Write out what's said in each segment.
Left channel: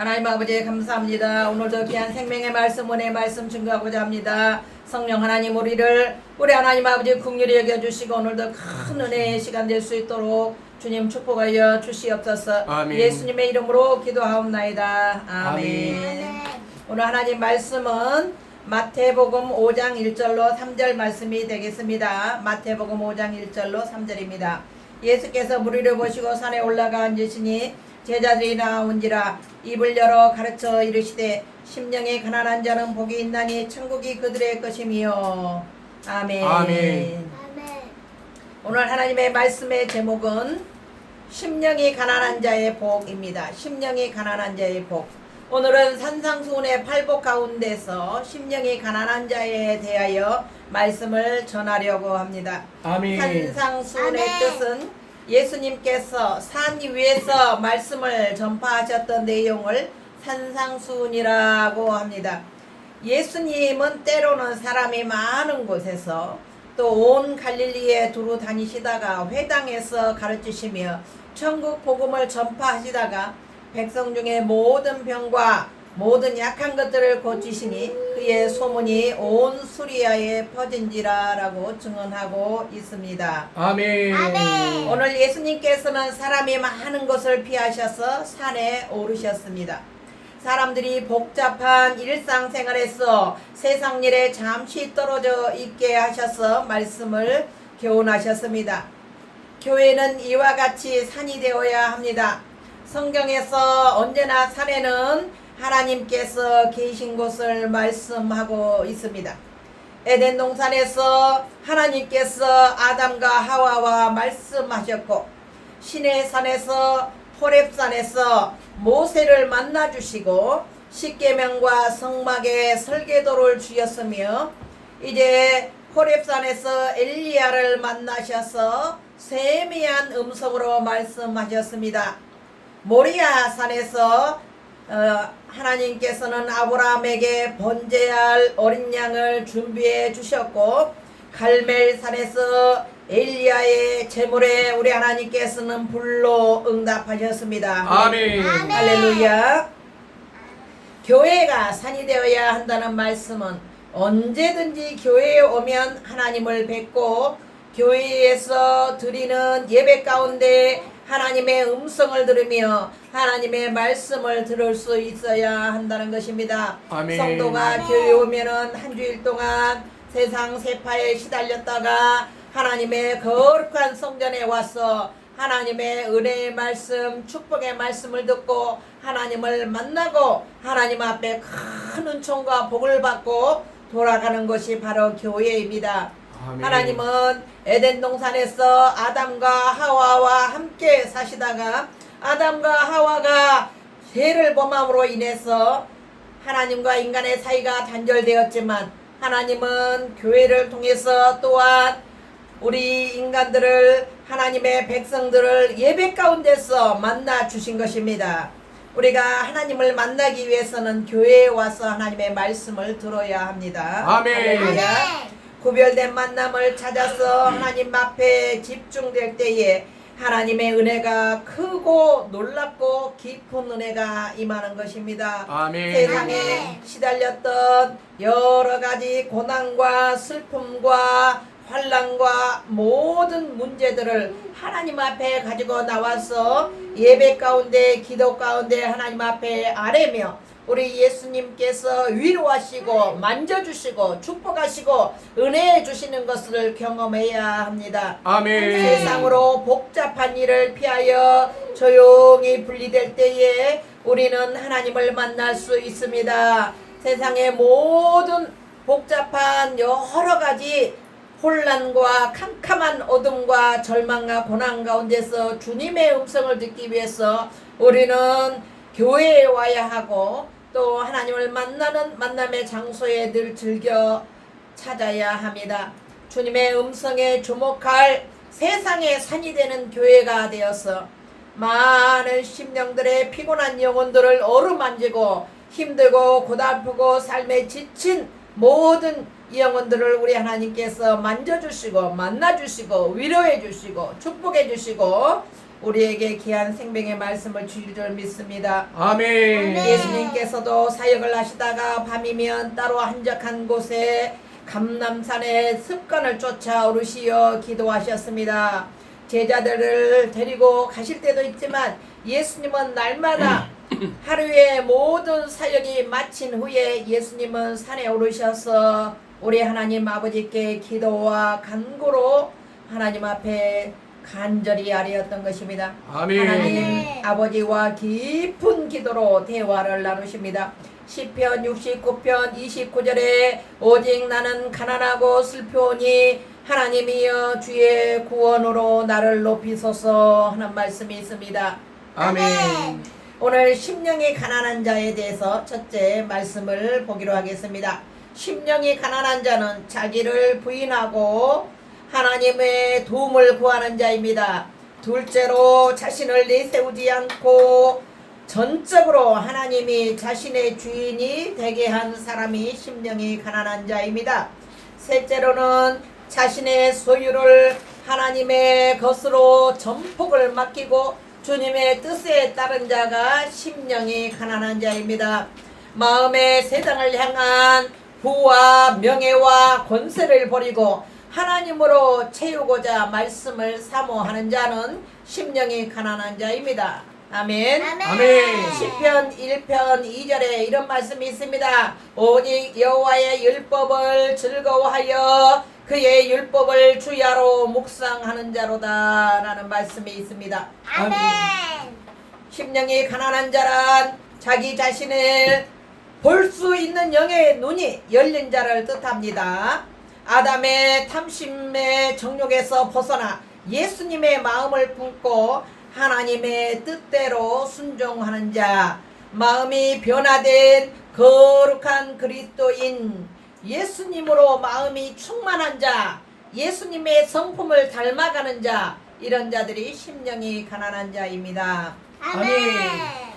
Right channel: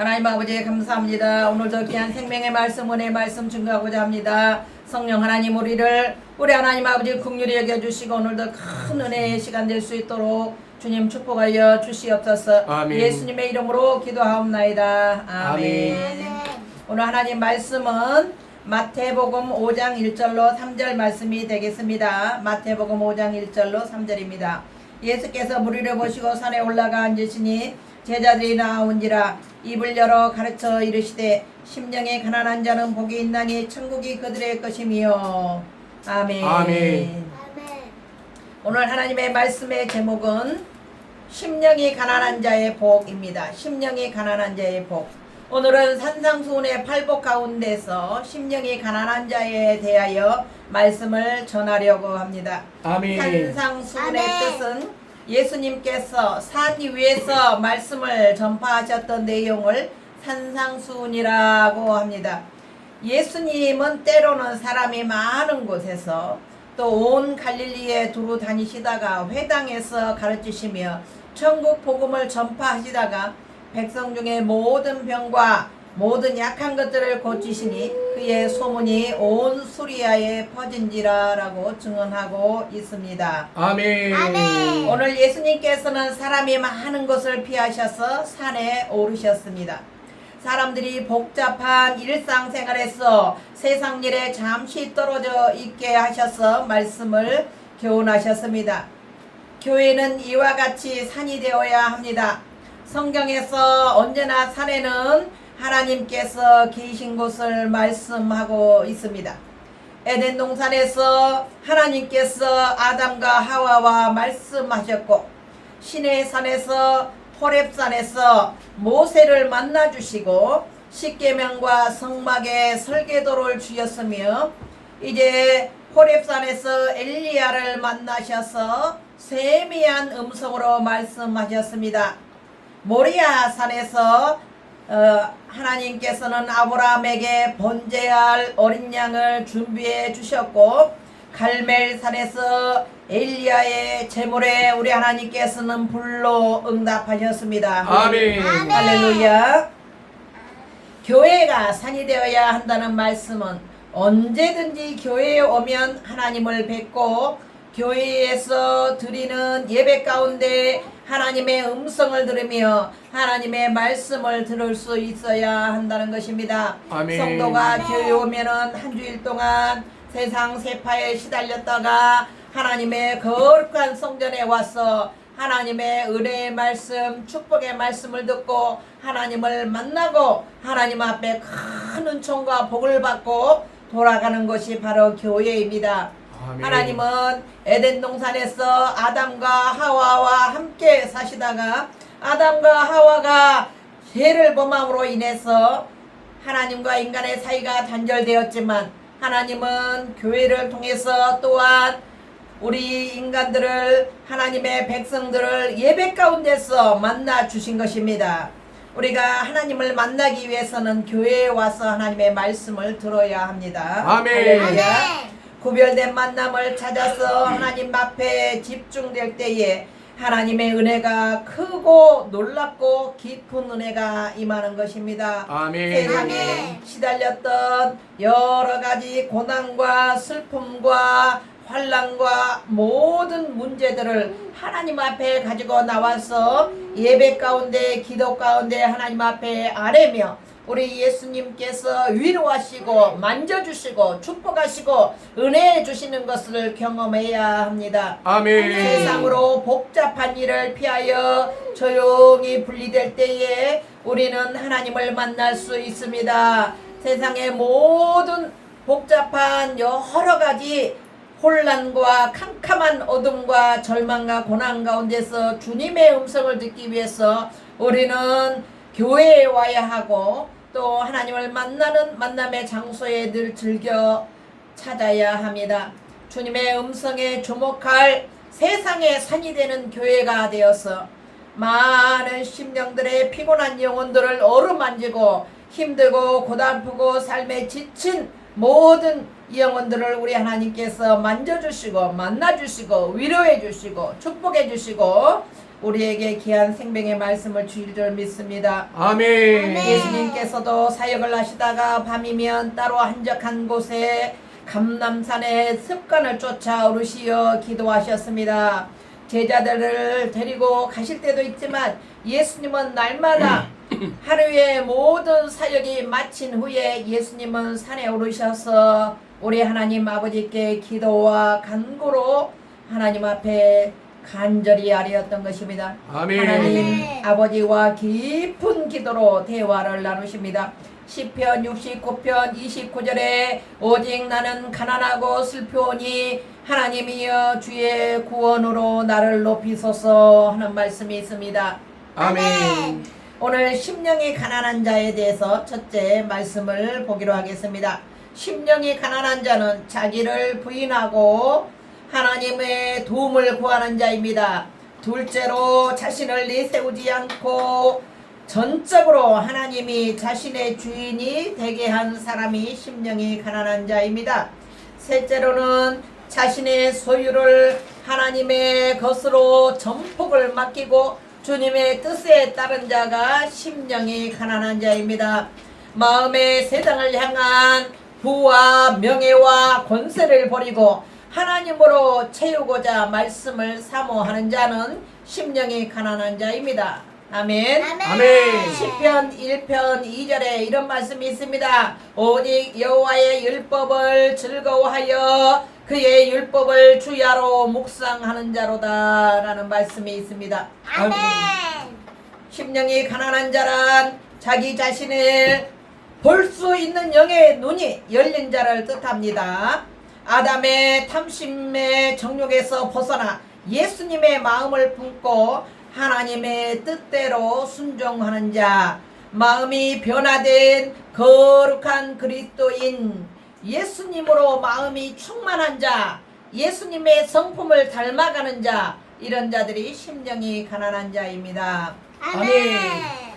하나님 아버지 감사합니다. 오늘도 귀한 생명의 말씀, 은혜의 말씀 증거하고자 합니다. 성령 하나님 우리 하나님 아버지 긍휼히 여겨주시고 오늘도 큰 은혜의 시간 될 수 있도록 주님 축복하여 주시옵소서. 아멘. 예수님의 이름으로 기도하옵나이다. 아멘. 아멘. 오늘 하나님 말씀은 마태복음 5장 1절로 3절 말씀이 되겠습니다. 마태복음 5장 1절로 3절입니다. 예수께서 무리를 보시고 산에 올라가 앉으시니 제자들이 나온지라 입을 열어 가르쳐 이르시되 심령이 가난한 자는 복이 있나니 천국이 그들의 것이며. 아멘. 아멘. 오늘 하나님의 말씀의 제목은 심령이 가난한 자의 복입니다. 심령이 가난한 자의 복. 오늘은 산상수훈의 팔복 가운데서 심령이 가난한 자에 대하여 말씀을 전하려고 합니다. 아멘. 산상수훈의 뜻은 예수님께서 산 위에서 말씀을 전파하셨던 내용을 산상수훈이라고 합니다. 예수님은 때로는 사람이 많은 곳에서 또 온 갈릴리에 두루 다니시다가 회당에서 가르치시며 천국 복음을 전파하시다가 백성 중에 모든 병과 모든 약한 것들을 고치시니 그의 소문이 온 수리아에 퍼진지라라고 증언하고 있습니다. 아멘. 오늘 예수님께서는 사람이 많은 곳을 피하셔서 산에 오르셨습니다. 사람들이 복잡한 일상생활에서 세상 일에 잠시 떨어져 있게 하셔서 말씀을 교훈하셨습니다. 교회는 이와 같이 산이 되어야 합니다. 성경에서 언제나 산에는 하나님께서 계신 곳을 말씀하고 있습니다. 에덴 동산에서 하나님께서 아담과 하와와 말씀하셨고 시내 산에서 호렙산에서 모세를 만나 주시고 십계명과 성막의 설계도를 주셨으며 이제 호렙산에서 엘리야를 만나셔서 세미한 음성으로 말씀하셨습니다. 모리아 산에서 하나님께서는 아브라함에게 번제할 어린 양을 준비해 주셨고 갈멜산에서 엘리야의 제물에 우리 하나님께서는 불로 응답하셨습니다. 아멘. 할렐루야. 교회가 산이 되어야 한다는 말씀은 언제든지 교회에 오면 하나님을 뵙고 교회에서 드리는 예배 가운데 하나님의 음성을 들으며 하나님의 말씀을 들을 수 있어야 한다는 것입니다. 아멘. 성도가 교회에 오면은 한 주일 동안 세상 세파에 시달렸다가 하나님의 거룩한 성전에 와서 하나님의 은혜의 말씀, 축복의 말씀을 듣고 하나님을 만나고 하나님 앞에 큰 은총과 복을 받고 돌아가는 것이 바로 교회입니다. 아멘. 하나님은 에덴 동산에서 아담과 하와와 함께 사시다가 아담과 하와가 죄를 범함으로 인해서 하나님과 인간의 사이가 단절되었지만 하나님은 교회를 통해서 또한 우리 인간들을 하나님의 백성들을 예배 가운데서 만나 주신 것입니다. 우리가 하나님을 만나기 위해서는 교회에 와서 하나님의 말씀을 들어야 합니다. 아멘. 할렐루야. 구별된 만남을 찾아서 하나님 앞에 집중될 때에 하나님의 은혜가 크고 놀랍고 깊은 은혜가 임하는 것입니다. 아멘. 세상에 시달렸던 여러 가지 고난과 슬픔과 환난과 모든 문제들을 하나님 앞에 가지고 나와서 예배 가운데 기도 가운데 하나님 앞에 아뢰며 우리 예수님께서 위로하시고 만져주시고 축복하시고 은혜 주시는 것을 경험해야 합니다. 아멘. 세상으로 복잡한 일을 피하여 조용히 분리될 때에 우리는 하나님을 만날 수 있습니다. 세상의 모든 복잡한 여러 가지 혼란과 캄캄한 어둠과 절망과 고난 가운데서 주님의 음성을 듣기 위해서 우리는 교회에 와야 하고 또 하나님을 만나는 만남의 장소에 늘 즐겨 찾아야 합니다. 주님의 음성에 주목할 세상의 산이 되는 교회가 되어서 많은 심령들의 피곤한 영혼들을 어루만지고 힘들고 고달프고 삶에 지친 모든 영혼들을 우리 하나님께서 만져주시고 만나주시고 위로해주시고 축복해주시고 우리에게 귀한 생명의 말씀을 주실 줄 믿습니다. 아멘. 예수님께서도 사역을 하시다가 밤이면 따로 한적한 곳에 감람산에 습관을 쫓아 오르시어 기도하셨습니다. 제자들을 데리고 가실 때도 있지만 예수님은 날마다 하루에 모든 사역이 마친 후에 예수님은 산에 오르셔서 우리 하나님 아버지께 기도와 간구로 하나님 앞에 간절히 아뢰었던 것입니다. 아멘. 하나님 아버지와 깊은 기도로 대화를 나누십니다. 시편 69편 29절에 오직 나는 가난하고 슬프오니 하나님이여 주의 구원으로 나를 높이소서 하는 말씀이 있습니다. 아멘. 오늘 심령이 가난한 자에 대해서 첫째 말씀을 보기로 하겠습니다. 심령이 가난한 자는 자기를 부인하고 하나님의 도움을 구하는 자입니다. 둘째로 자신을 내세우지 않고 전적으로 하나님이 자신의 주인이 되게 한 사람이 심령이 가난한 자입니다. 셋째로는 자신의 소유를 하나님의 것으로 전폭을 맡기고 주님의 뜻에 따른 자가 심령이 가난한 자입니다. 마음의 세상을 향한 부와 명예와 권세를 버리고 하나님으로 채우고자 말씀을 사모하는 자는 심령이 가난한 자입니다. 아멘. 아멘. 시편 1편 2절에 이런 말씀이 있습니다. 오직 여호와의 율법을 즐거워하여 그의 율법을 주야로 묵상하는 자로다 라는 말씀이 있습니다. 아멘. 심령이 가난한 자란 자기 자신을 볼 수 있는 영의 눈이 열린 자를 뜻합니다. 아담의 탐심의 정욕에서 벗어나 예수님의 마음을 품고 하나님의 뜻대로 순종하는 자, 마음이 변화된 거룩한 그리스도인 예수님으로 마음이 충만한 자, 예수님의 성품을 닮아가는 자, 이런 자들이 심령이 가난한 자입니다. 아멘.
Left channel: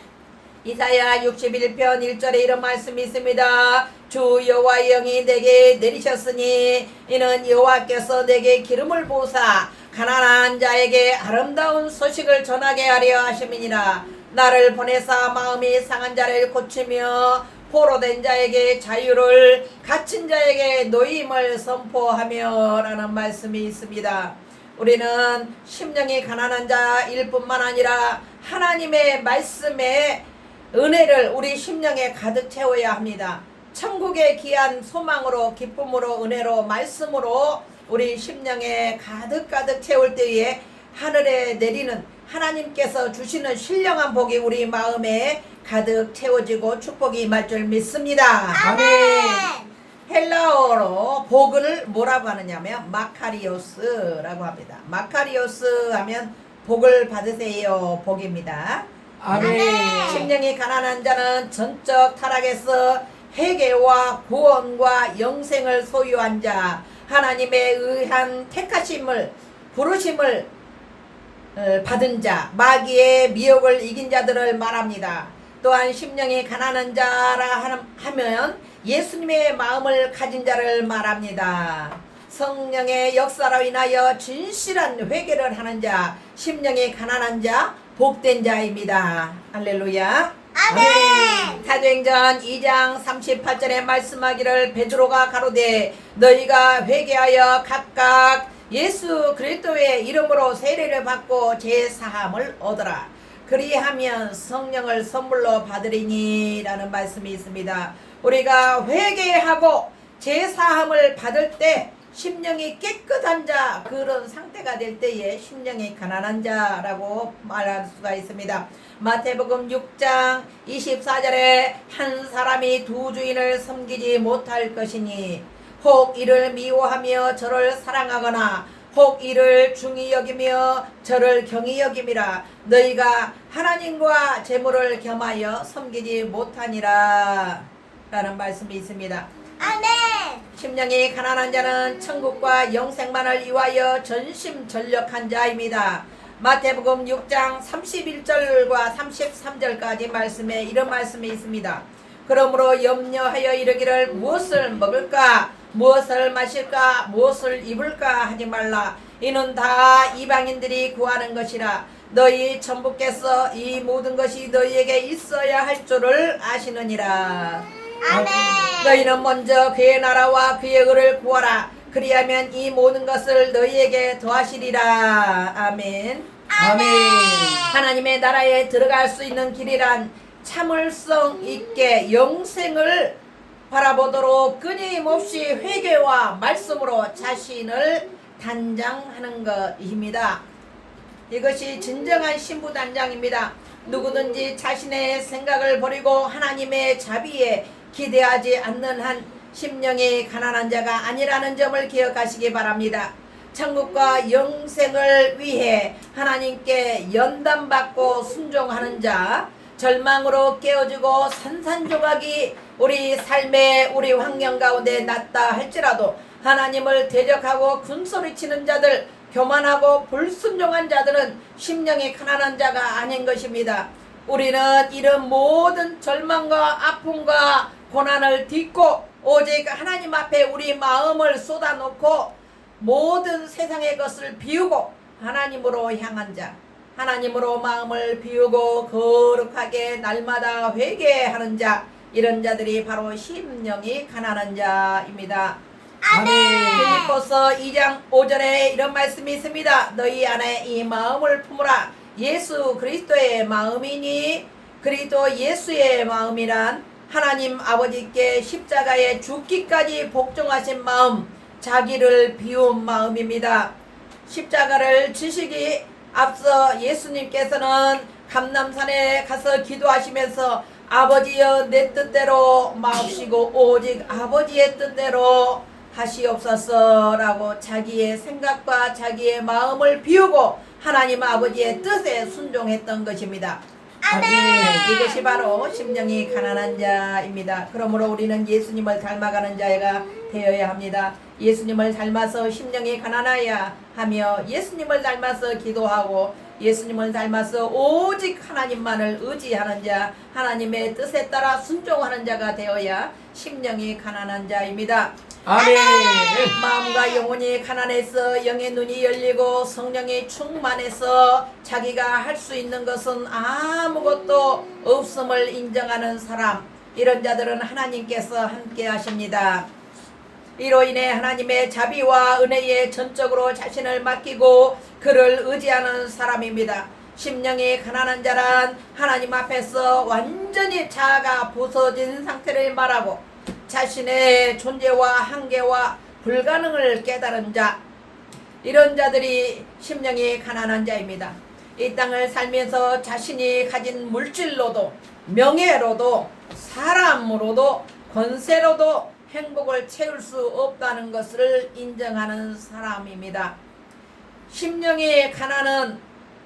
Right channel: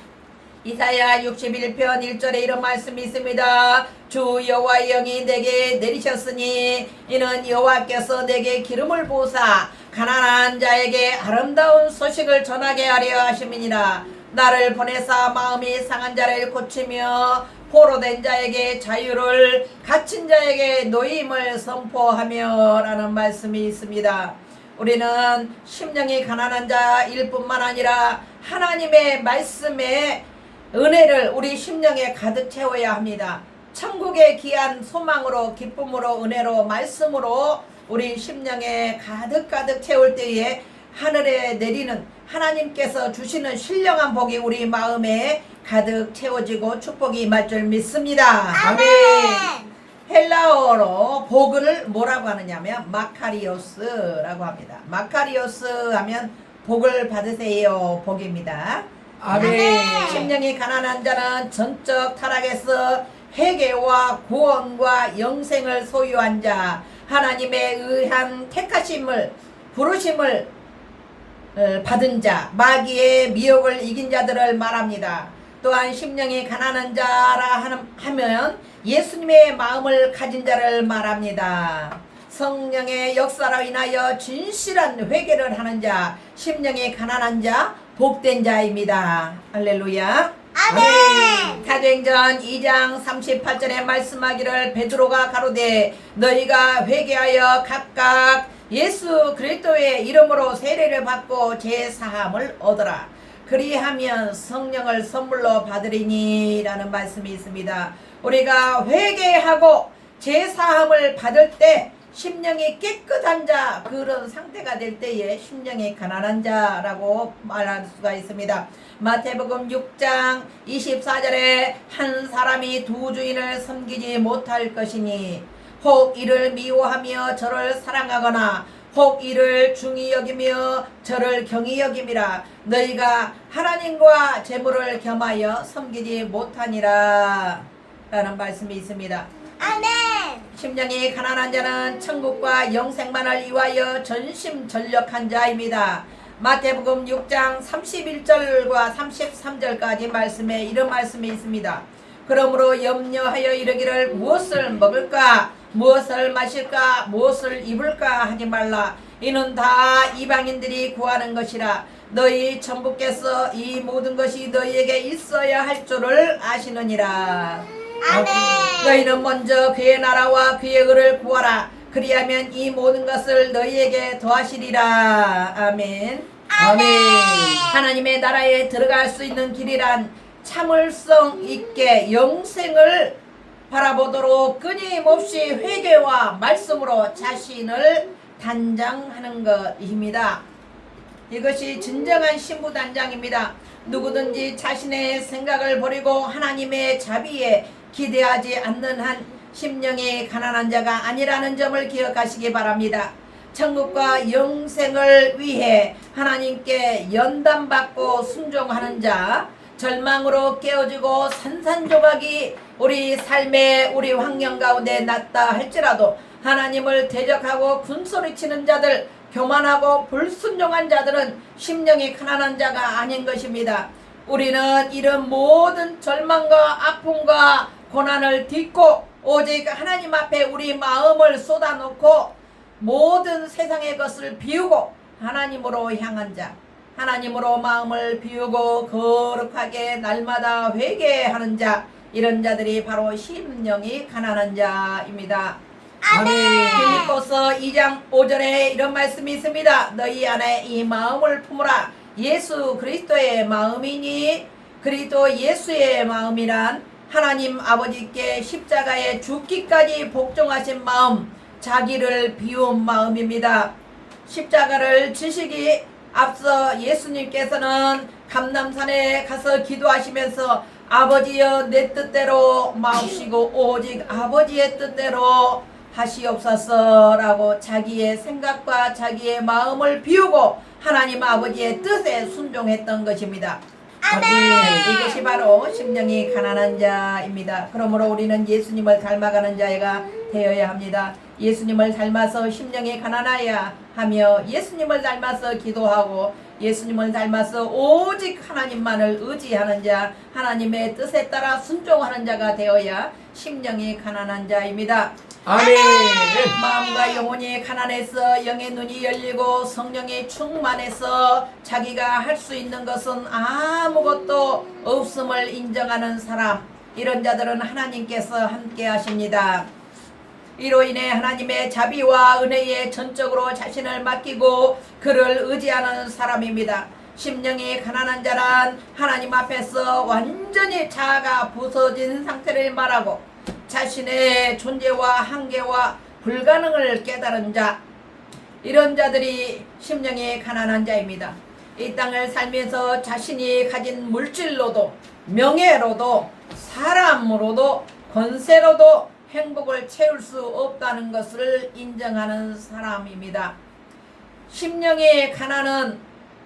이사야 61편 1절에 이런 말씀이 있습니다. 주 여호와의 영이 내게 내리셨으니 이는 여호와께서 내게 기름을 부으사 가난한 자에게 아름다운 소식을 전하게 하려 하심이니라. 나를 보내사 마음이 상한 자를 고치며 포로된 자에게 자유를, 갇힌 자에게 노임을 선포하며 라는 말씀이 있습니다. 우리는 심령이 가난한 자일 뿐만 아니라 하나님의 말씀에 은혜를 우리 심령에 가득 채워야 합니다. 천국의 귀한 소망으로, 기쁨으로, 은혜로, 말씀으로 우리 심령에 가득 채울 때에 하늘에 내리는 하나님께서 주시는 신령한 복이 우리 마음에 가득 채워지고 축복이 임할 줄 믿습니다. 아멘. 헬라어로 복을 뭐라고 하느냐면 마카리오스라고 합니다. 마카리오스 하면 복을 받으세요 복입니다. 아멘. 심령이 가난한 자는 전적 타락에서 회개와 구원과 영생을 소유한 자, 하나님에 의한 택하심을, 부르심을 받은 자, 마귀의 미혹을 이긴 자들을 말합니다. 또한 심령이 가난한 자라 하면 예수님의 마음을 가진 자를 말합니다. 성령의 역사로 인하여 진실한 회개를 하는 자, 심령이 가난한 자, 복된 자입니다. 할렐루야. 아멘. 사도행전 2장 38절에 말씀하기를 베드로가 가로되 너희가 회개하여 각각 예수 그리스도의 이름으로 세례를 받고 제사함을 얻어라. 그리하면 성령을 선물로 받으리니 라는 말씀이 있습니다. 우리가 회개하고 제사함을 받을 때 심령이 깨끗한 자, 그런 상태가 될 때에 심령이 가난한 자라고 말할 수가 있습니다. 마태복음 6장 24절에 한 사람이 두 주인을 섬기지 못할 것이니 혹 이를 미워하며 저를 사랑하거나 혹 이를 중히 여기며 저를 경히 여김이라. 너희가 하나님과 재물을 겸하여 섬기지 못하니라 라는 말씀이 있습니다. 아멘. 심령이 가난한 자는 천국과 영생만을 위하여 전심전력한 자입니다. 마태복음 6장 31절과 33절까지 말씀에 이런 말씀이 있습니다. 그러므로 염려하여 이르기를 무엇을 먹을까, 무엇을 마실까, 무엇을 입을까 하지 말라. 이는 다 이방인들이 구하는 것이라. 너희 천부께서 이 모든 것이 너희에게 있어야 할 줄을 아시느니라. 너희는 먼저 그의 나라와 그의 의를 구하라. 그리하면 이 모든 것을 너희에게 더하시리라. 아멘. 아멘. 하나님의 나라에 들어갈 수 있는 길이란 참을성 있게 영생을 바라보도록 끊임없이 회개와 말씀으로 자신을 단장하는 것입니다. 이것이 진정한 신부 단장입니다. 누구든지 자신의 생각을 버리고 하나님의 자비에 기대하지 않는 한 심령이 가난한 자가 아니라는 점을 기억하시기 바랍니다. 천국과 영생을 위해 하나님께 연단받고 순종하는 자, 절망으로 깨어지고 산산조각이 우리 삶의 우리 환경 가운데 났다 할지라도 하나님을 대적하고 군소리치는 자들, 교만하고 불순종한 자들은 심령이 가난한 자가 아닌 것입니다. 우리는 이런 모든 절망과 아픔과 고난을 딛고 오직 하나님 앞에 우리 마음을 쏟아놓고 모든 세상의 것을 비우고 하나님으로 향한 자, 하나님으로 마음을 비우고 거룩하게 날마다 회개하는 자, 이런 자들이 바로 심령이 가난한 자입니다. 빌립보서 2장 5절에 이런 말씀이 있습니다. 너희 안에 이 마음을 품으라. 예수 그리스도의 마음이니 그리스도 예수의 마음이란 하나님 아버지께 십자가에 죽기까지 복종하신 마음, 자기를 비운 마음입니다. 십자가를 지시기 앞서 예수님께서는 감람산에 가서 기도하시면서 아버지여 내 뜻대로 마옵시고 오직 아버지의 뜻대로 하시옵소서 라고 자기의 생각과 자기의 마음을 비우고 하나님 아버지의 뜻에 순종했던 것입니다. 이것이 바로 심령이 가난한 자입니다. 그러므로 우리는 예수님을 닮아가는 자가 되어야 합니다. 예수님을 닮아서 심령이 가난하여 하며 예수님을 닮아서 기도하고 예수님을 닮아서 오직 하나님만을 의지하는 자, 하나님의 뜻에 따라 순종하는 자가 되어야 심령이 가난한 자입니다. 아멘. 마음과 영혼이 가난해서 영의 눈이 열리고 성령이 충만해서 자기가 할 수 있는 것은 아무것도 없음을 인정하는 사람, 이런 자들은 하나님께서 함께 하십니다. 이로 인해 하나님의 자비와 은혜에 전적으로 자신을 맡기고 그를 의지하는 사람입니다. 심령이 가난한 자란 하나님 앞에서 완전히 자아가 부서진 상태를 말하고 자신의 존재와 한계와 불가능을 깨달은 자, 이런 자들이 심령이 가난한 자입니다. 이 땅을 살면서 자신이 가진 물질로도 명예로도 사람으로도 권세로도 행복을 채울 수 없다는 것을 인정하는 사람입니다. 심령의 가난은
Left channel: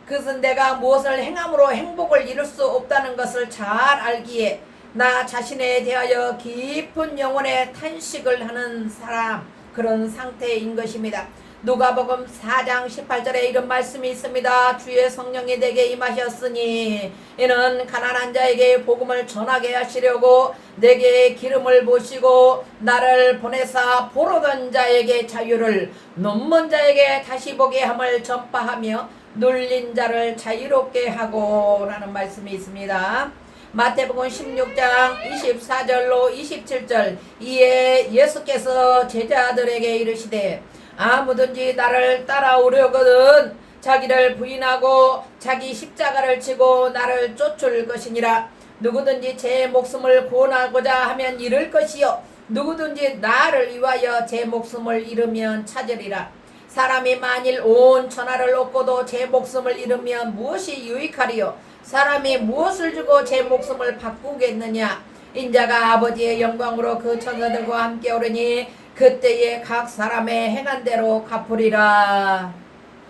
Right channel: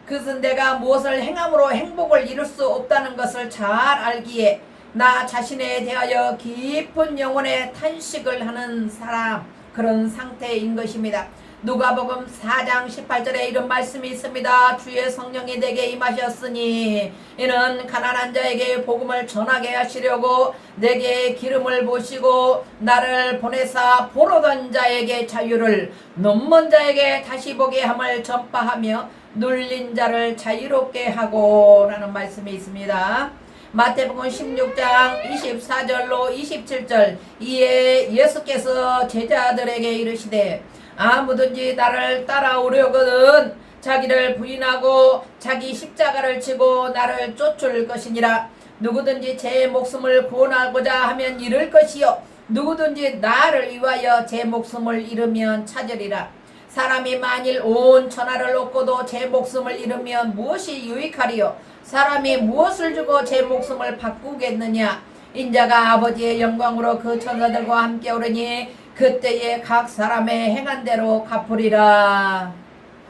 그것은 내가 무엇을 행함으로 행복을 이룰 수 없다는 것을 잘 알기에 나 자신에 대하여 깊은 영혼의 탄식을 하는 사람, 그런 상태인 것입니다. 누가복음 4장 18절에 이런 말씀이 있습니다. 주의 성령이 내게 임하셨으니 이는 가난한 자에게 복음을 전하게 하시려고 내게 기름을 부으시고 나를 보내사 보러던 자에게 자유를, 눈먼 자에게 다시 보게 함을 전파하며 눌린 자를 자유롭게 하고 라는 말씀이 있습니다. 마태복음 16장 24절로 27절, 이에 예수께서 제자들에게 이르시되 아무든지 나를 따라오려거든 자기를 부인하고 자기 십자가를 지고 나를 쫓을 것이니라. 누구든지 제 목숨을 구원하고자 하면 잃을 것이요 누구든지 나를 위하여 제 목숨을 잃으면 찾으리라. 사람이 만일 온 천하를 얻고도 제 목숨을 잃으면 무엇이 유익하리요? 사람이 무엇을 주고 제 목숨을 바꾸겠느냐? 인자가 아버지의 영광으로 그 천사들과 함께 오르니 그때에 각 사람의 행한 대로 갚으리라.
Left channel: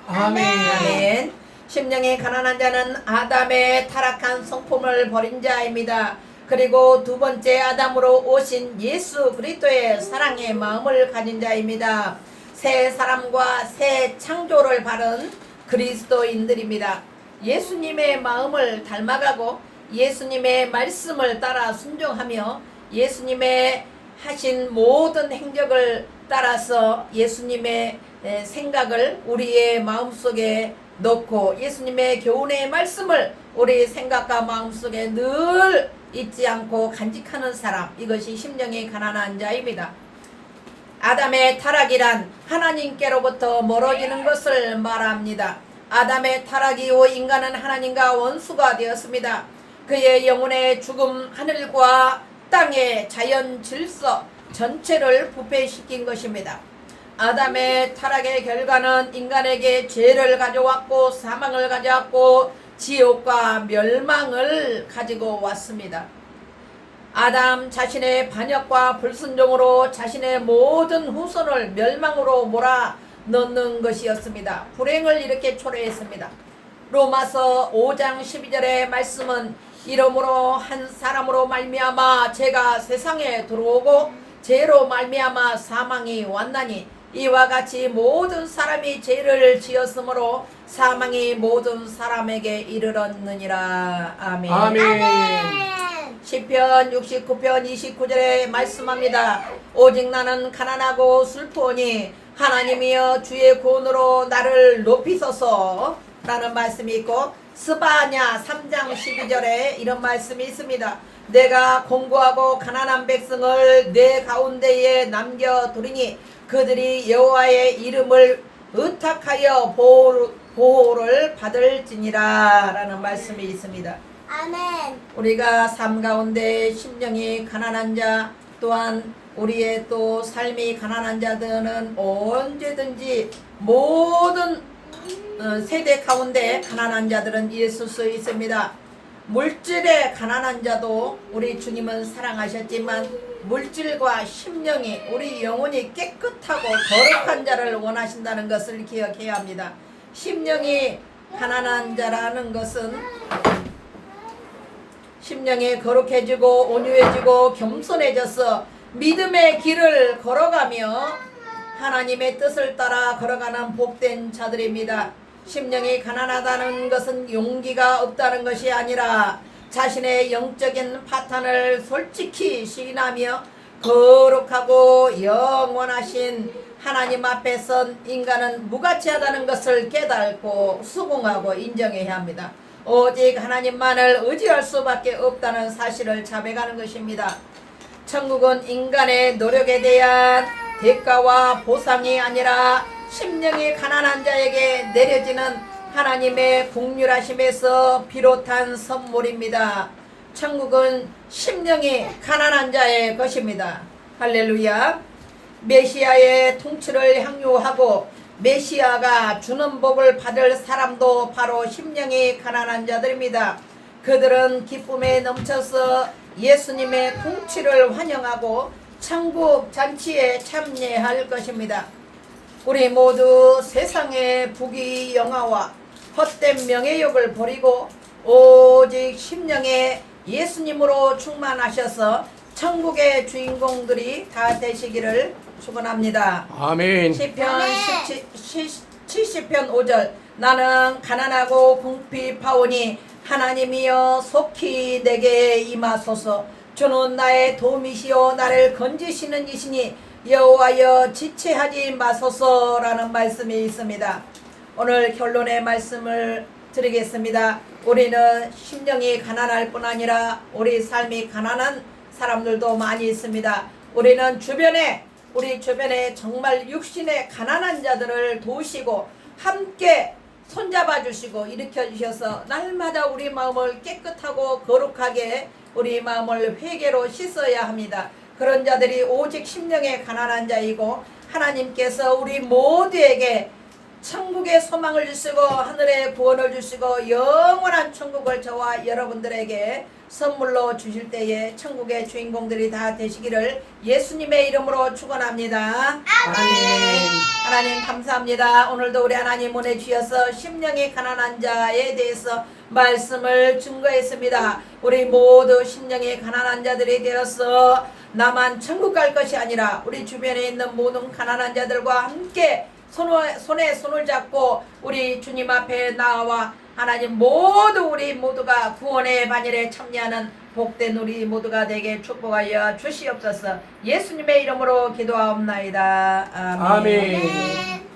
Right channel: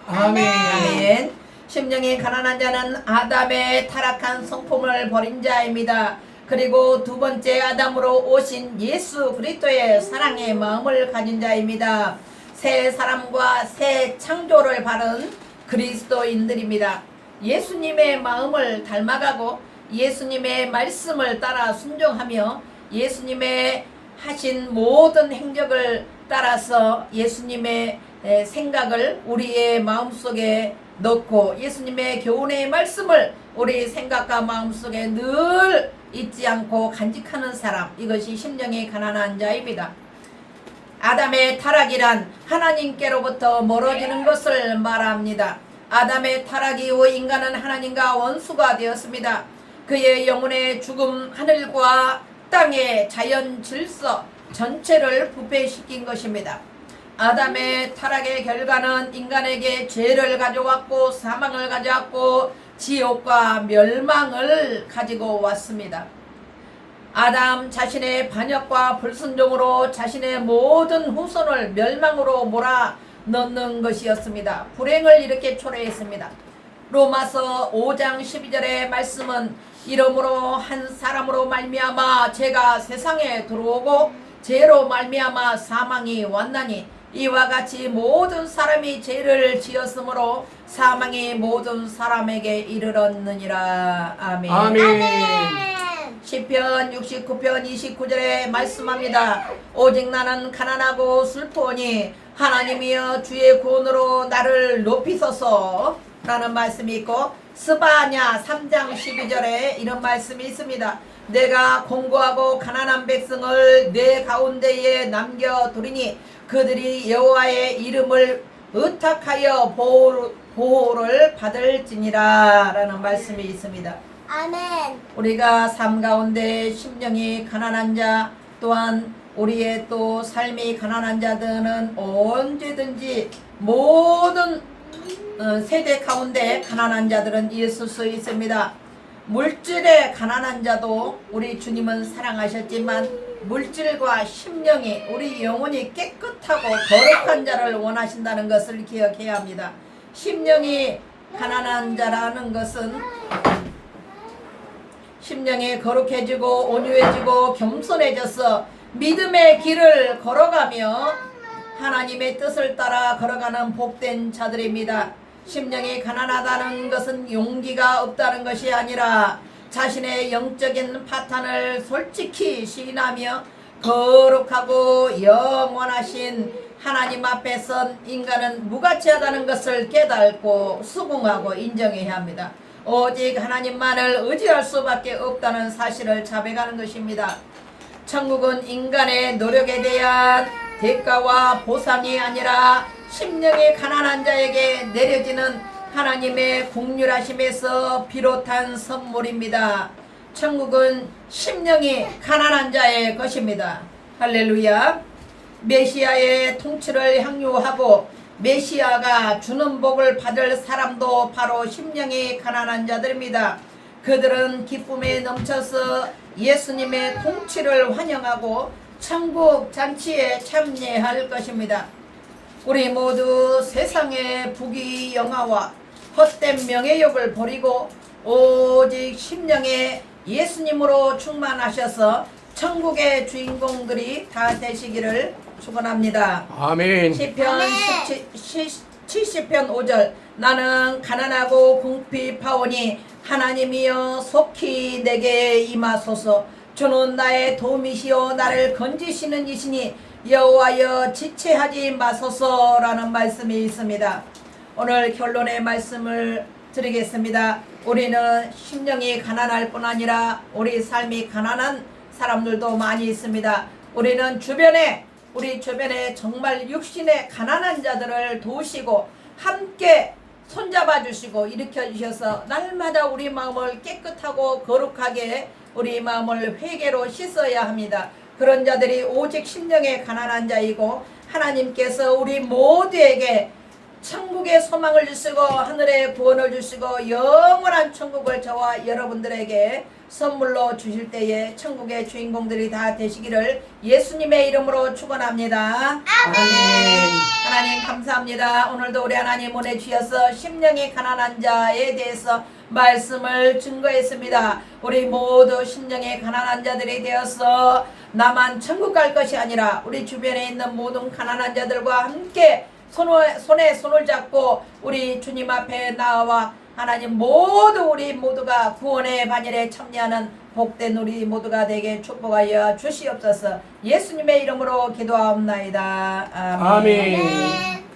아멘. 심령이 가난한 자는 아담의 타락한 성품을 버린 자입니다. 그리고 두 번째 아담으로 오신 예수 그리스도의 사랑의 마음을 가진 자입니다. 새 사람과 새 창조를 바른 그리스도인들입니다. 예수님의 마음을 닮아가고 예수님의 말씀을 따라 순종하며 예수님의 하신 모든 행적을 따라서 예수님의 생각을 우리의 마음속에 넣고 예수님의 교훈의 말씀을 우리 생각과 마음속에 늘 잊지 않고 간직하는 사람, 이것이 심령이 가난한 자입니다. 아담의 타락이란 하나님께로부터 멀어지는 것을 말합니다. 아담의 타락 이후 인간은 하나님과 원수가 되었습니다. 그의 영혼의 죽음, 하늘과 땅의 자연 질서 전체를 부패시킨 것입니다. 아담의 타락의 결과는 인간에게 죄를 가져왔고 사망을 가져왔고 지옥과 멸망을 가지고 왔습니다. 아담 자신의 반역과 불순종으로 자신의 모든 후손을 멸망으로 몰아넣는 것이었습니다. 불행을 이렇게 초래했습니다. 로마서 5장 12절의 말씀은 이러므로 한 사람으로 말미암아 죄가 세상에 들어오고 죄로 말미암아 사망이 왔나니 이와 같이 모든 사람이 죄를 지었으므로 사망이 모든 사람에게 이르렀느니라. 아멘. 아멘. 시편 69편 29절에 말씀합니다. 오직 나는 가난하고 슬프오니 하나님이여 주의 구원으로 나를 높이소서 라는 말씀이 있고, 스바냐 3장 12절에 이런 말씀이 있습니다. 내가 공고하고 가난한 백성을 내 가운데에 남겨두리니 그들이 여호와의 이름을 의탁하여 보호를 받을지니라 라는 말씀이 있습니다. 아멘. 우리가 삶 가운데 심령이 가난한 자, 또한 우리의 또 삶이 가난한 자들은 언제든지 모든 세대 가운데 가난한 자들은 있을 수 있습니다. 물질의 가난한 자도 우리 주님은 사랑하셨지만 물질과 심령이, 우리 영혼이 깨끗하고 거룩한 자를 원하신다는 것을 기억해야 합니다. 심령이 가난한 자라는 것은 심령이 거룩해지고 온유해지고 겸손해져서 믿음의 길을 걸어가며 하나님의 뜻을 따라 걸어가는 복된 자들입니다. 심령이 가난하다는 것은 용기가 없다는 것이 아니라 자신의 영적인 파탄을 솔직히 시인하며 거룩하고 영원하신 하나님 앞에 선 인간은 무가치하다는 것을 깨닫고 수긍하고 인정해야 합니다. 오직 하나님만을 의지할 수밖에 없다는 사실을 자백하는 것입니다. 천국은 인간의 노력에 대한 대가와 보상이 아니라 심령이 가난한 자에게 내려지는 하나님의 긍휼하심에서 비롯한 선물입니다. 천국은 심령이 가난한 자의 것입니다. 할렐루야. 메시아의 통치를 향유하고 메시아가 주는 복을 받을 사람도 바로 심령이 가난한 자들입니다. 그들은 기쁨에 넘쳐서 예수님의 통치를 환영하고 천국 잔치에 참여할 것입니다. 우리 모두 세상의 부귀 영화와 헛된 명예욕을 버리고 오직 심령에 예수님으로 충만하셔서 천국의 주인공들이 다 되시기를 축원합니다. 아멘. 시편 70편 5절 나는 가난하고 궁핍하오니 하나님이여 속히 내게 임하소서. 주는 나의 도움이시오 나를 건지시는 이시니 여호와여 지체하지 마소서라는 말씀이 있습니다. 오늘 결론의 말씀을 드리겠습니다. 우리는 심령이 가난할 뿐 아니라 우리 삶이 가난한 사람들도 많이 있습니다. 우리는 우리 주변에 정말 육신의 가난한 자들을 도우시고 함께 손잡아 주시고 일으켜 주셔서 날마다 우리 마음을 깨끗하고 거룩하게 우리 마음을 회개로 씻어야 합니다. 그런 자들이 오직 심령의 가난한 자이고 하나님께서 우리 모두에게 천국의 소망을 주시고 하늘의 구원을 주시고 영원한 천국을 저와 여러분들에게 선물로 주실 때에 천국의 주인공들이 다 되시기를 예수님의 이름으로 축원합니다. 아멘. 하나님 감사합니다. 오늘도 우리 하나님 은혜 주셔서 심령이 가난한 자에 대해서 말씀을 증거했습니다. 우리 모두 심령이 가난한 자들이 되어서 나만 천국 갈 것이 아니라 우리 주변에 있는 모든 가난한 자들과 함께 손에 손을 잡고 우리 주님 앞에 나와 하나님 우리 모두가 구원의 반열에 참여하는 복된 우리 모두가 되게 축복하여 주시옵소서. 예수님의 이름으로 기도하옵나이다. 아멘. 아멘.